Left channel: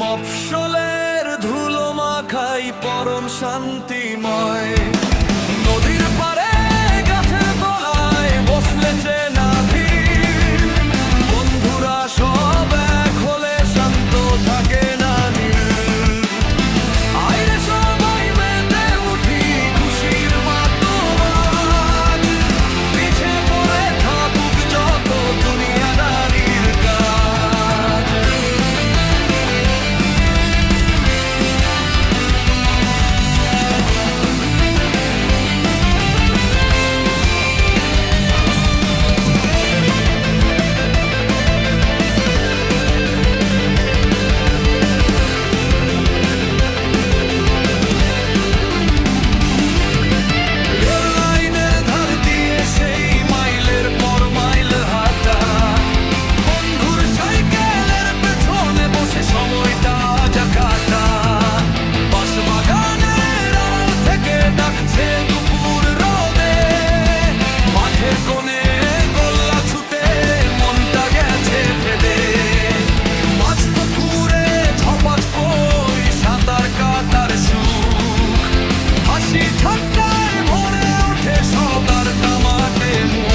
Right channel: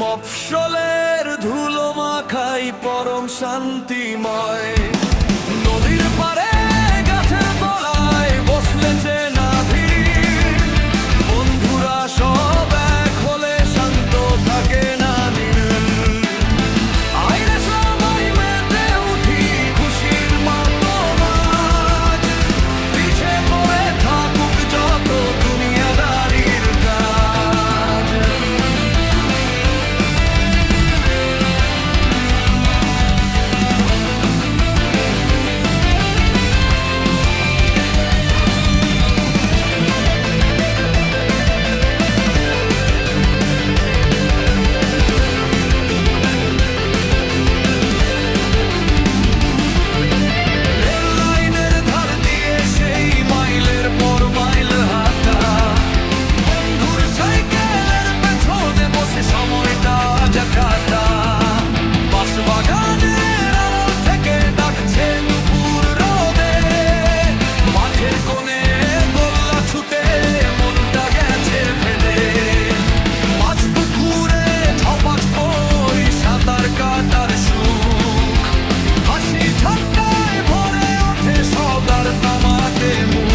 মফস্বলের ধুলো মাখাই পরম শান্তিময়। নদীর পাড়ে গাছের তলায় বসলে চেনা ভিড়, বন্ধুরা সব এক হলে শান্ত থাকে না নীল। আইরে সবাই মেতে উঠি খুশির মাতোয়াজ, পিছে পড়ে থাকুক যত দুনিয়াদারির কাজ। সময়টা যা কাটা বাগানের আড়াল থেকে ডাকছে দুপুর রোদে, মাঠের কোণে গোল্লা ছুটে মনটা গেছে ফেদে। মাছ পুকুরে ঝপাঝ বই সাঁতার কাটার সুখ, হাসি ঠাট্টায় ভরে ওঠে সবার তামাটে মুখ।